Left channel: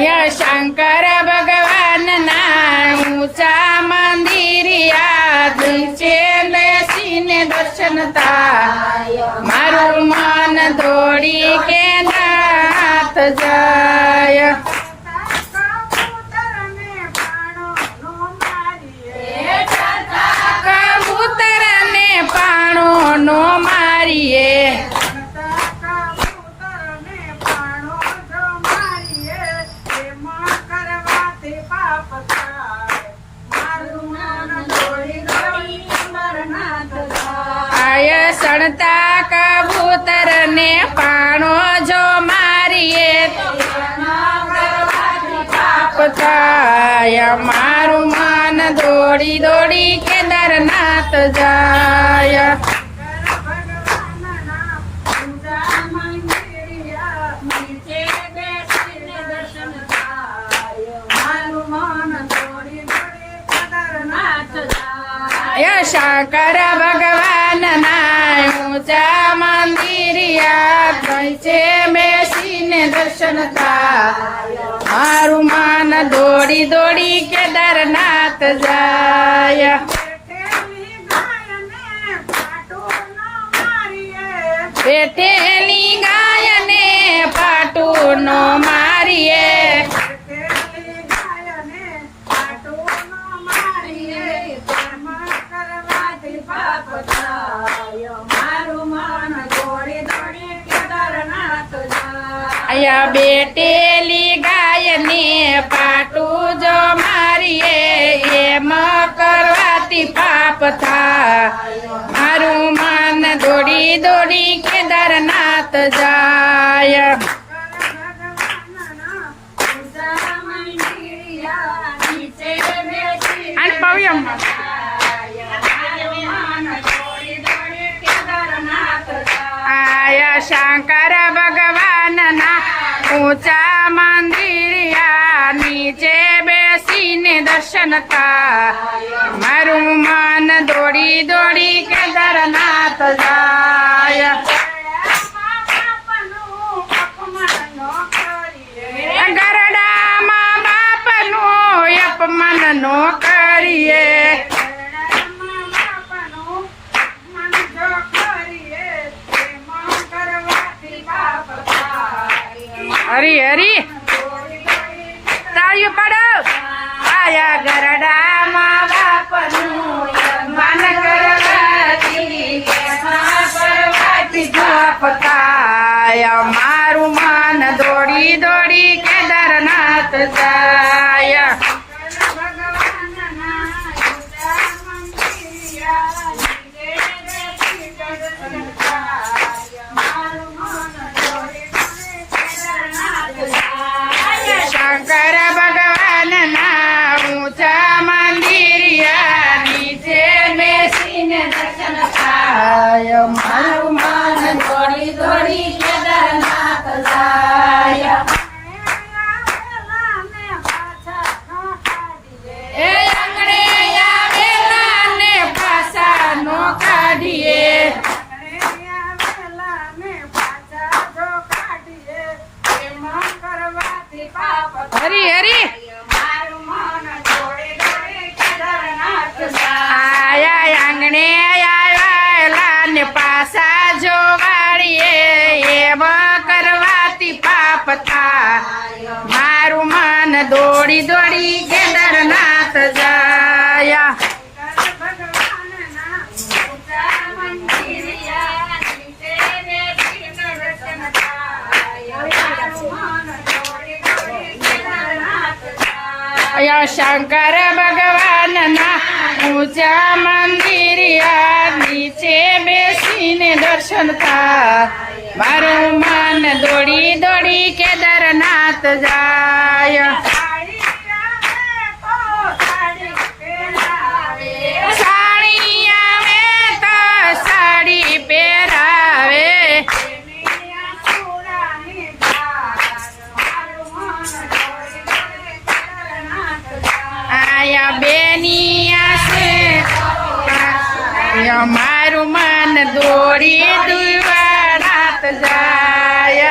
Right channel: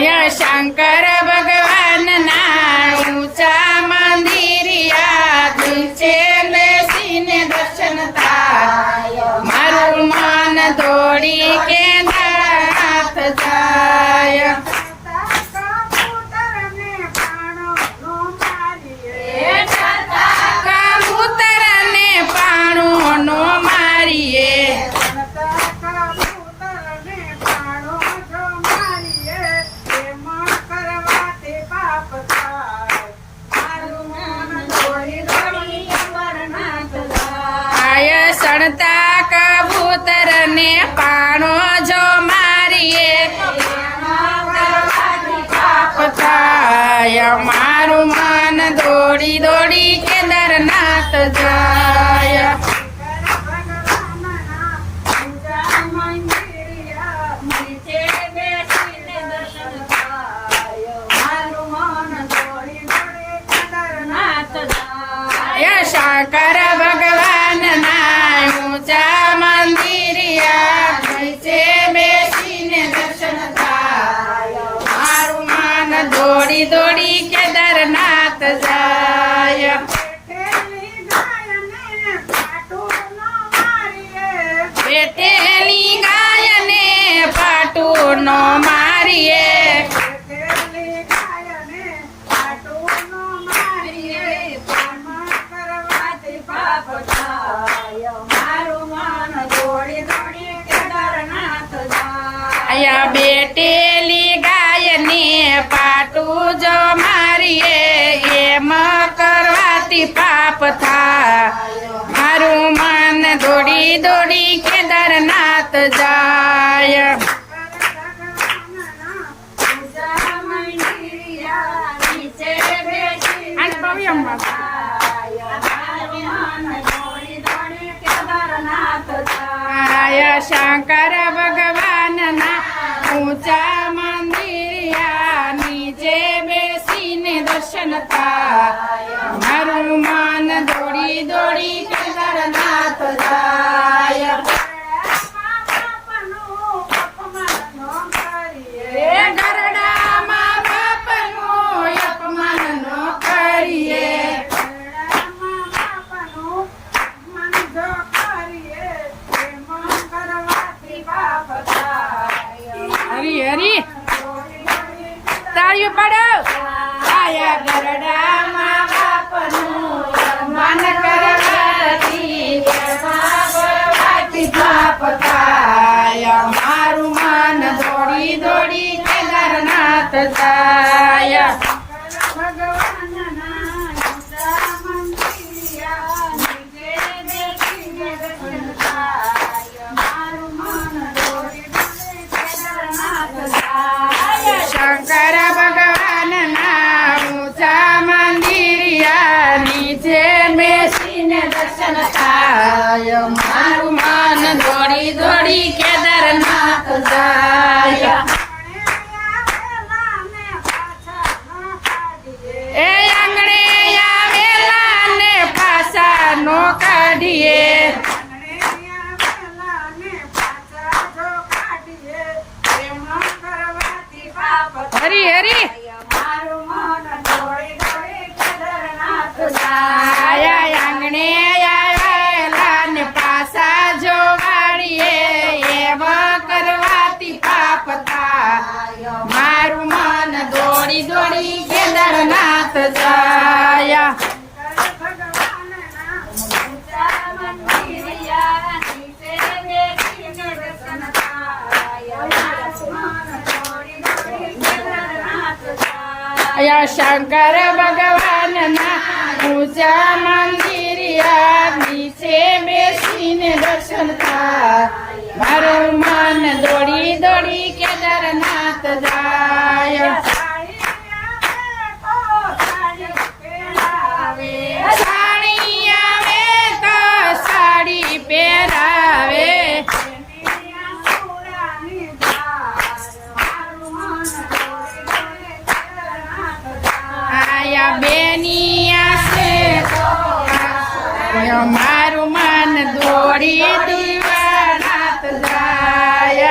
શંકર ભગવાન ના ઊંચા મંદિરિયા નીચે બેસીને દર્શન થાય મારું મન દોડી કે નાથ જાય કબૂતર ને પાણો નો મારીએ સણતા કબૂતર ને પાણો જો મારીએ પાપ થાય મારું મન દોડી દોડી કેદારનાથ જાય શંકર ભગવાન ના ઊંચા મંદિરિયા નીચે બેસીને દર્શન થાય મારું મન દોડી દોડી કેદારનાથ જાય બેઠેલી ગાયને પાટું નો મારીએ બેટેલી ગાયને પાટું જો મારીએ એમ કરવાથી પાપ થાય મારું મન દોડી દોડી કેદારનાથ જાય શંકર ભગવાન ના ઊંચા મંદિરિયા નીચે બેસીને દર્શન થાય મારું મન દોડી દોડી કેદારનાથ જાય ગરડામાં બાપનું અપમાન નો કરીએ હરી હરી તાળીઓ પાડો આયા ગરડામાં બાપનું માન કરવાથી પતાય મારું મન દોડી દોડી કેદારનાથ જાય શંકર ભગવાન ના ઊંચા મંદિરિયા નીચે બેસીને દર્શન થાય મારું મન દોડી દોડી કેદારનાથ જાય એ આંગણે આવેલા ને પાછા નો કાઢીએ હરી હરી આયા આંગણે આવેલા ને પાછા જો વાળીએ એમ કરવાથી પાપ થાય મારું મન દોડી દોડી કેદારનાથ જાય શંકર ભગવાન ના ઊંચા મંદિરિયા નીચે બેસીને દર્શન થાય મારું મન દોડી દોડી કેદારનાથ જાય સાડી આવે તો સાડી પહેરાવે આયા બેનિયા છે મારું મન દોડી દુવાનાથ જાય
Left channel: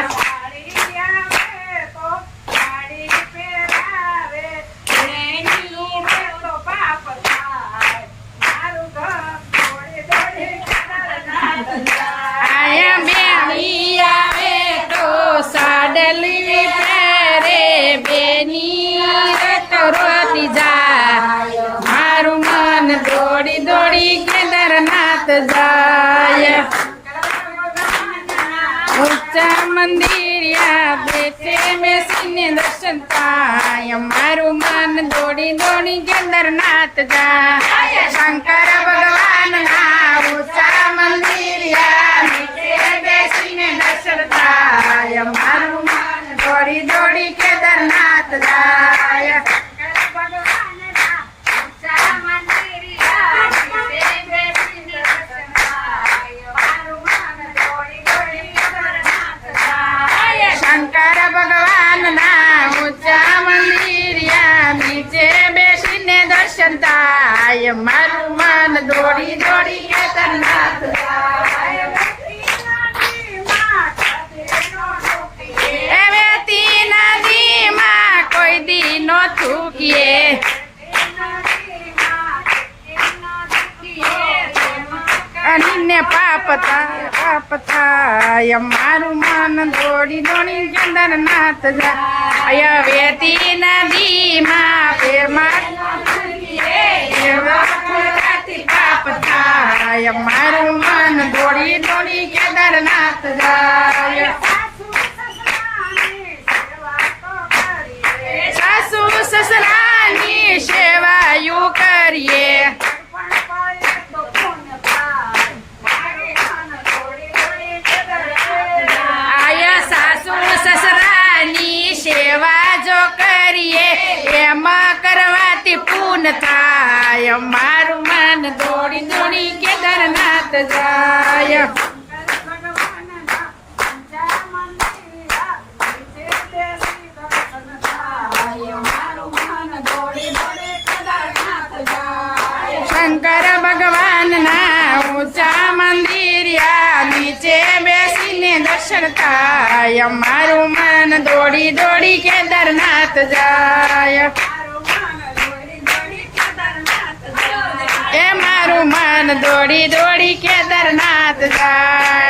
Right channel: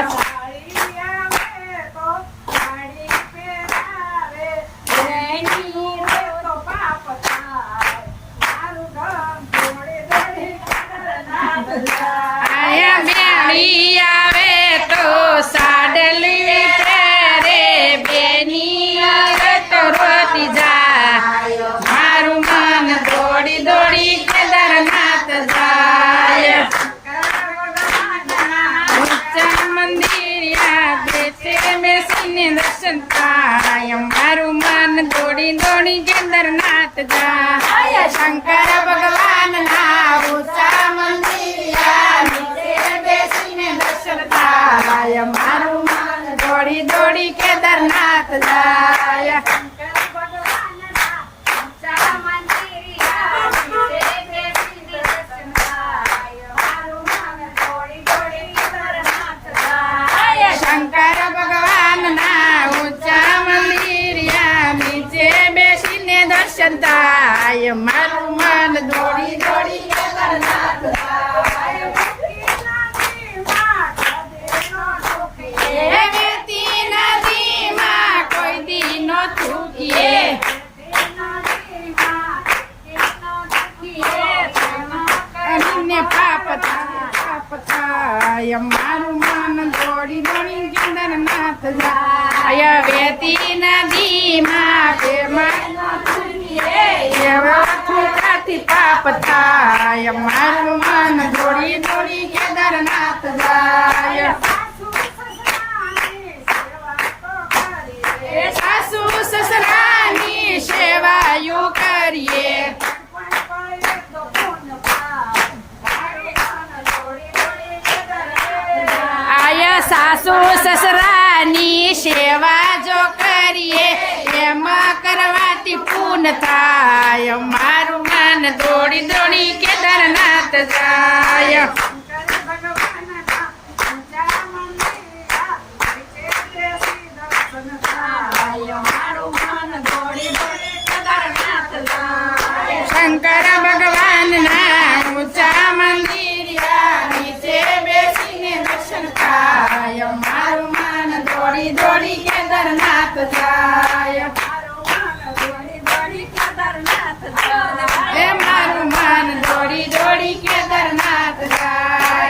ઊંચા મંદિરિયા બેસે બેસીને દર્શન થાય મારું મન દોડી દોડી કેદારનાથ જાય શંકર ભગવાનના ઊંચા મંદિરિયા નીચે બેસીને દર્શન થાય મારું મન દોડી દોડી કેદારનાથ જાય શંકર ભગવાનના ઊંચા મંદિરિયા નીચે બેસીને દર્શન થાય મારું મન દોડી દોડી કેદારનાથ જાય એ વેતી નદીમાં કોઈ દી નો થૂકીએ અનિને પાપ થાય મારું મન દોડી દોડી કેદારનાથ જાય વેતી નદીમાં પ્રેમાથી પાપ થાય મારું મન દોડી દોડી કેદારનાથ જાય સાસુ સસરાની સેવાયું કરીએ આયા સાસુ સસરાની સેવા જો કરીએ એમ કરવાથી પૂન થાય મારું મન દોડી દોડી કેદારનાથ જાય શંકર ભગવાનના ઊંચા મંદિરિયા નીચે બેસીને દર્શન થાય મારું મન દોડી દોડી કેદારનાથ જાય એ મારું મન દોડી દોડી કેદારનાથ જાય